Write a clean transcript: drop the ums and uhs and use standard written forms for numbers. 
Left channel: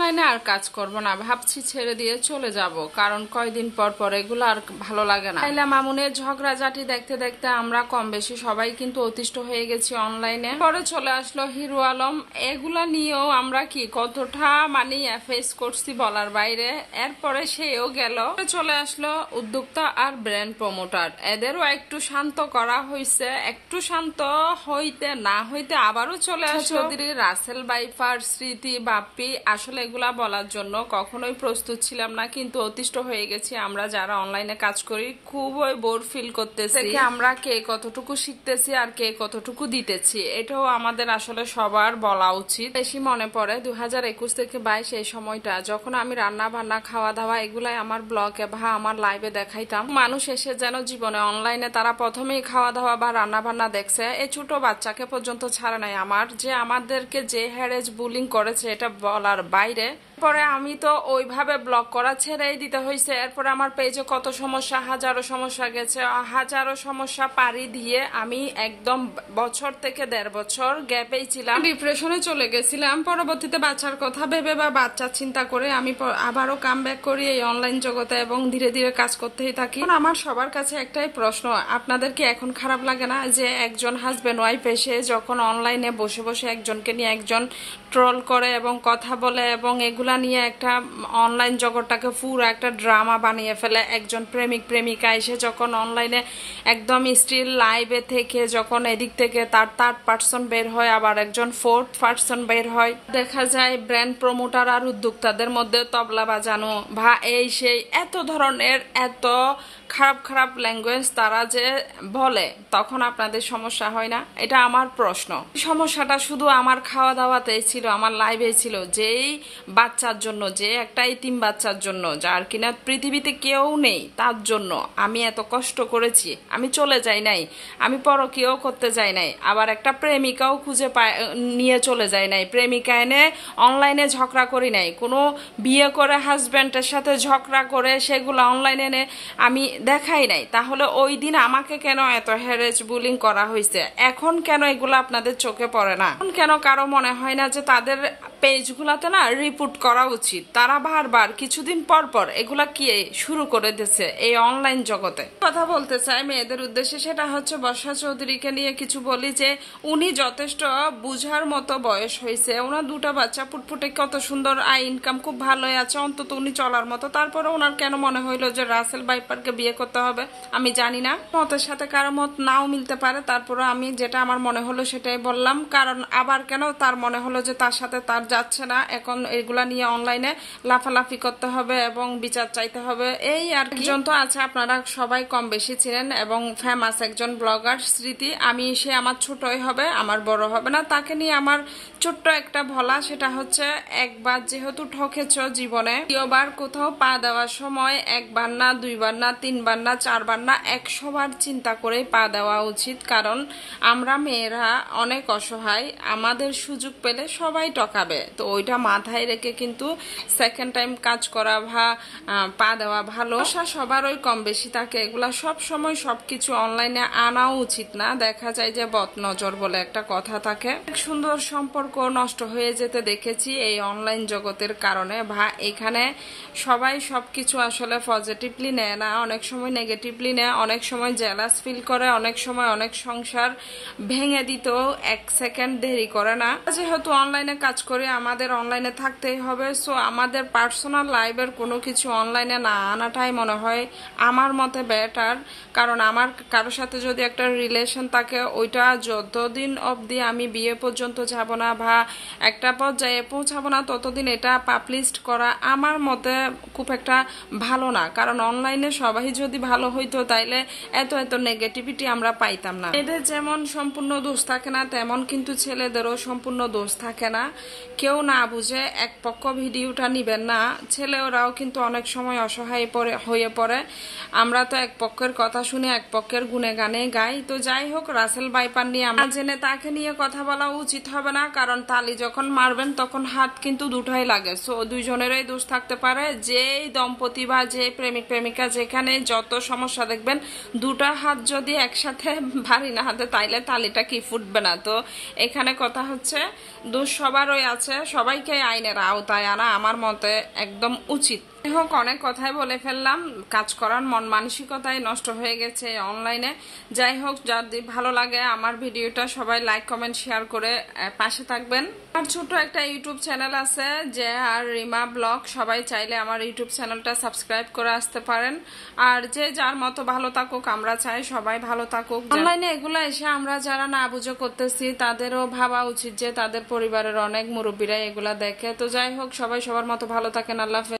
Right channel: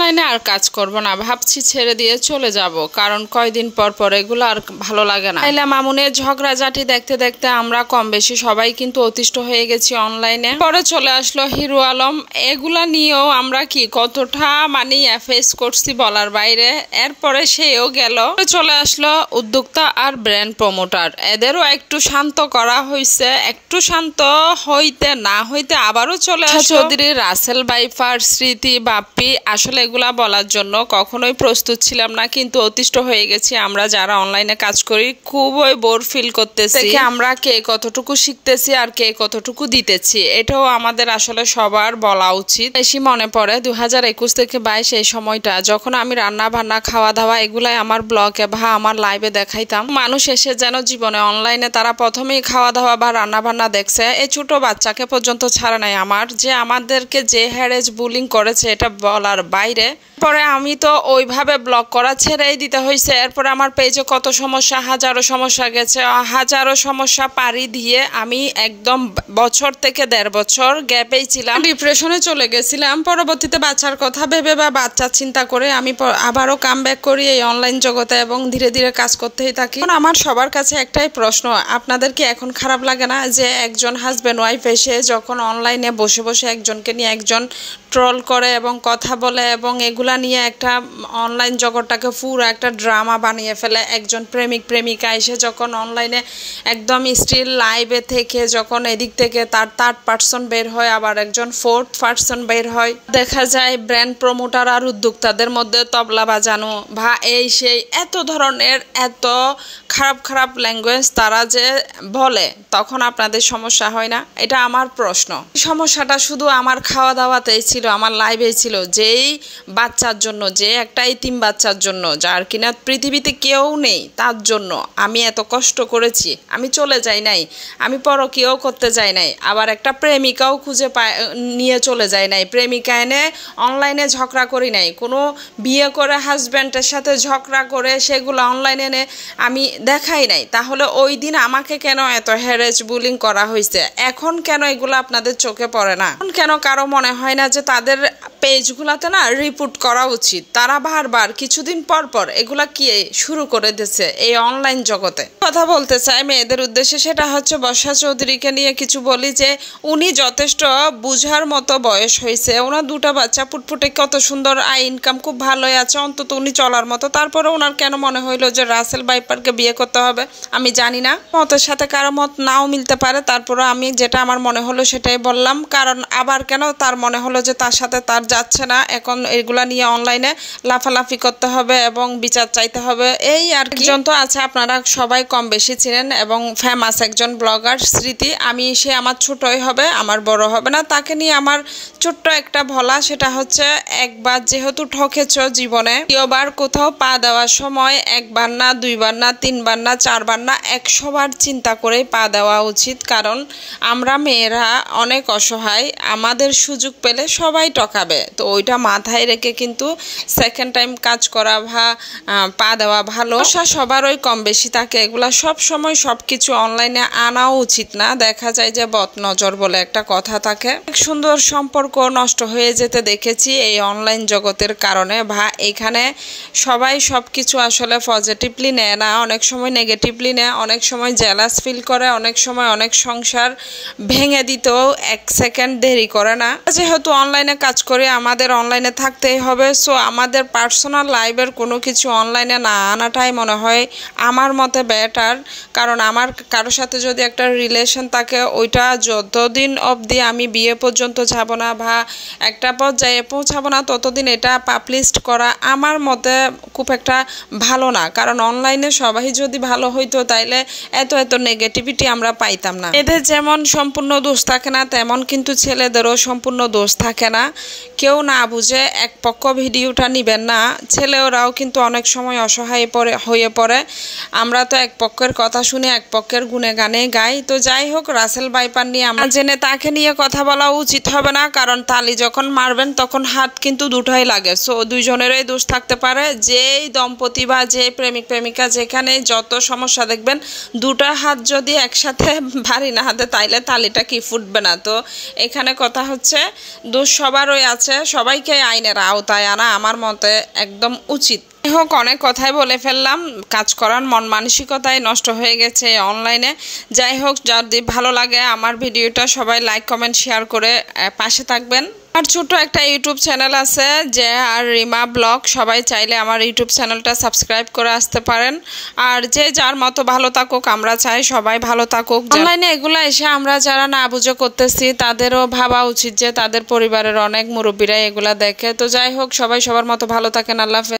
অনলাইনে আর কাজ করব না, ভাবছি ছেড়ে দিয়ে চলে যাব, কারণ কয়দিন পর পর এগুলো আর ভালো লাগে না। লাইলা মামুনের ঝগড়াঝাটি দেখতে দেখতে আমরা কম বেশি সবাই কিন্তু অতিষ্ঠ হয়ে গেছি অনলাইনে। পরে চলে আসলো হিরো আলম, এগুলা নিয়েও আমরা কি কতটা ফেস করছি বলার বাইরে। এরপরে সেও গেল, চলে আসলো উদ্যোক্তা আর ব্র্যান্ড প্রমোটার, এদেরও একটু শান্ত করা হয়েছে। একটু শান্ত হইতে না হইতে আবারও চলে আসলো চৌধুরী, রাসেল বাইফার, স্মৃতি, বাপ্পি। আসলে এগুলা বলার জন্য কখনোই প্রস্তুত ছিলাম না, কিন্তু অতিষ্ঠ হয়ে গেছি। আমরা যারা অনলাইনে কাজ করি খুবই বোর ফিল করতেছি। আমরা কে কতটুকু শিখতেছি আর কে কতটুকু দিতেছি, এটাও আমাদের আসলে সবার বলা উচিত। বেশি মনে পড়ে 2021 থেকে 22 এই সময়টা, যখন আমি রান্না বান্না খাওয়া দাওয়া এগুলাই আমার ব্লগে বা আমার লাইভে দেখাইতাম। মানুষ এসে যেন জীবনে অনলাইনে তারা প্রথমেই খাওয়া দাওয়া বা রান্না বান্না দেখছে, এই ছোট বাচ্চাকে পর্যন্ত ছাড়া নাই। আমাদেরকে যে হ্যারেজ বুলিং করেছে এটা বলার বাইরে। পরে আমি তো ওইভাবে ব্লগ করা ছেড়েই দিতে হয়েছে। এরপরে আমার পেজে কত সমস্যা, হাজারো সমস্যা গেছে। হাজারো সমস্যা পাড়ি দিয়ে আমি একদম বছর থেকে 1.5 বছর গ্যাপেই ছিলাম, ডিপ্রেশনে চলে গেছিলাম। পরবর্তীতে বাচ্চার কথা ভেবে বা বাচ্চা চিন্তা করে আমি আবারও কাম ব্যাক করি এই অনলাইন জগতে এবং ধীরে ধীরে কাজ করতেই থাকি। আমার সবার কাছে একটাই প্রশ্ন, আপনাদের কি এখন খারাপ লাগে না যে একজন হাজব্যান্ড ওয়াইফ এসে যখন অনলাইনে বসে বসে একজনকে নিয়ে একজন ট্রল করে এবং কথা বলে এবং এগুলা নিয়ে একটা অনলাইন জগৎটাকে পুরো একটা ড্রামা বানিয়ে ফেলে। একজন প্রেমিক প্রেমিকা এসে যখন অনলাইনে একদম স্টিল লাইভে থেকে যখন এদিক থেকে তার থার্ড পার্সন বের হয়, আবার একজন ফোর্থ পার্সন বের হয়, দেখা যায় ব্র্যান্ড প্রমোটার আর উদ্যোক্তাদের মধ্যে তবলা বাজানো বা এই সেই এত ধরনের এত খারাপ খারাপ ল্যাঙ্গুয়েজ তারা যে বলে, তখন আপনাদের সমস্যা হয় না? এটা আমার প্রশ্ন। সমস্যাটা শুধু আমার খাওয়া দাওয়াতেই ছিল, আমার লাইভেই ছিল। যেই বাচ্চার জন্য, যে একটা এতিম বাচ্চার জন্য যার কিনা পৃথিবীতে কেউ নেই, তার জন্য আমি এত কষ্ট করেছি। আমি চলে যাই নাই, আমি পরকীয়াও করতে যাই নাই, আবার একটা প্রেমিকাও খুঁজে নিয়ে চলে যাই নাই, প্রেমিকা এনে অনলাইনে ঝগড়া করি নাই, কোনো বিয়ে করে হাজব্যান্ডের সাথে ঝগড়া করে সেগুলো অনলাইনে এনে আমি দেখাই নাই। তাহলে ওই দিন আমাকে কেন এত হ্যারেজ বুলিং করা হয়েছে? এখন কেন এগুলো আপনাদের চোখে পড়ে না? এখন কেন কারো মনে হয় না যে তাদের পেজগুলাতে না রিপোর্ট করা উচিত? তারা বারবার কিছুদিন পর পর এগুলা কি শুরু করে দিচ্ছে এই অনলাইন জগতে। কথা বলতে চাই মেয়েদের উদ্দেশ্যে, সেটা হচ্ছে বর্ষা চৌধুরীকে নিয়ে কিছু বলি যে উনি যথেষ্ট বুঝার মতো বয়স হয়েছে, ওনার 2টা বাচ্চা ফুটফুটে কত সুন্দর আয় ইনকাম খুব ভালোই আছে, অন্তত উনি চলার মতো। তারপরে ওনার কেন মনে হইলো যে রাসেল বাইপারকে বিয়ে করতে হবে? আমি জানি না, মতের সাথে কারো মত নাও মিলতে পারে, তারপরে আমি যেটা আমার মনে হলো সেটাই বললাম। কারণ আবার কেন তার মনে হলো যে তার সাথে তার যাচ্ছে না, এখন এগুলা নিয়ে অনলাইনে লাফালাফি করতে হবে এবং বিচার চাইতে হবে, এই আর কি। একজন তো আছে আপনারা সবাই কম বেশি ছিলেন এবং ফেমাস একজন ব্লগার স্মৃতি, সে আমার ছোটই হবে, আমার বড় হবে না। তাকে নিয়ে আমার ছোট্ট একটা বলা, সেটা হচ্ছে একবার যেহেতু ঠকেছ জীবনে, দ্বিতীয়বার কোথাও পা দেওয়ার সময় 1বার না 2বার না 3বার না 4বার না 100 বার চিন্তা করেই পা দেওয়া উচিত। কারণ আমরা মেয়েরা অনেক অসহায়, আমাদের সুযোগ পেলে সবাই টকাবে, তো ওইটা মাথায় রেখে কিন্তু সেকেন্ড টাইম কাজ করা বা পা দেওয়া ভালো। সবার ওই কম বেশি থাকে, এগুলা সব সময় সব কিছু অনলাইনে আনাও উচিত না। দেখা যায় যে বদ নজর বলে একটা কথা থাকে, এক সুন্দর সম্পর্ক নষ্ট হয়ে যেতে দেখেছি এই অনলাইন জগতের কারণে। এখানে সবাই সব কিছু আসলে পজিটিভলি নেয় না, অনেক সময় নেগেটিভলি নেয়, অনেক সময় জেলাস ফিল করে, অনেক সময় অনেক সংসার ভেঙে দিতেও 1 সেকেন্ড দেরি করে না। যেহেতু অনলাইনে কাজ করি আমাদের অনলাইনে থাকতেই হবে, সো আমাদের পার্সোনাল লাইফের কোনো কিছু অনলাইনে না আনাটাই মনে হয় আমার মতে বেটার। কারণ আমার কারোর সাথে যদি একটা রিলেশন থাকে, ওইটা যতদিন অবধি আমি বিয়ে পর্যন্ত যাব না বা একটা পর্যায়ে পৌঁছাবো না, ততদিন এটা পাবলিশ করা আমার মতে খুব একটা ভালো না। কারণ অনলাইনে সবাই যদি ভালো হইতো তাইলে এত নেগেটিভিটি আমরা পাইতাম না। এদের যেমন সম্পূর্ণ দোষ থাকে না, তেমন কিন্তু ছেলেদেরও সম্পূর্ণ দোষ থাকে না। কেউ না বুঝে এক পক্ষ ভিডিওটা নিবেন না, ছেলেরাও কিন্তু অনেক সময় অসহায় হয়ে পড়ে। আমরা তো এক পক্ষের কথা শুনে এক পক্ষের গুণে গানে গাই। তো যাই হোক, রাসেল বাইপার নিয়ে আমরা জেনে তাকে নিয়ে কথা বলা উচিত হবে না, কারণ তালি যখন মারবেন তখন হাত কিন্তু দুটোই লাগে, সো দুইজনেরই দোষ থাকতে পারে। যেই দম্পতি বা যে প্রেমিক প্রেমিকা যেখানে যত সমস্যা দেখবেন, 2টা হাত যদি একসাথে ভারী না হাতে, তাইলে তালিটা কি ফুটবে না? তো এখানে কথা হচ্ছে দোষ সবারই আছে, আছে সবাইকে আইনের আওতায় আনা আমার মতে একদম উচিত। যাই হোক, অনেক কথাই বলে ফেললাম, কাজ করার মন মানসিকতাই নষ্ট হয়ে গেছে অনলাইনে। যাই হোক, যদি ভালো লাগে আমার ভিডিওটা সবাই লাইক কমেন্ট শেয়ার করে পাশে থাকবেন। আমার ছোট একটা ইউটিউব চ্যানেল আছে যে আর রিমা ব্লগ, সবাই চাইলে আমার ইউটিউব চ্যানেলটা সাবস্ক্রাইব করে আসতে পারেন। আর যে যার মতো ভালো থাকুক, আমরা চাই সবাই ভালো থাকুক। অনলাইনে এগুলো এসে আমরা যারা না বুঝে করতেছি তাদেরও ভাবা উচিত যে তাদের পরিবারের অনেক মুরব্বীরা এগুলা দেখে। তো যাই হোক, সবাই সবার মতো ভালো থাকেন। আল্লাহ হাফেজ।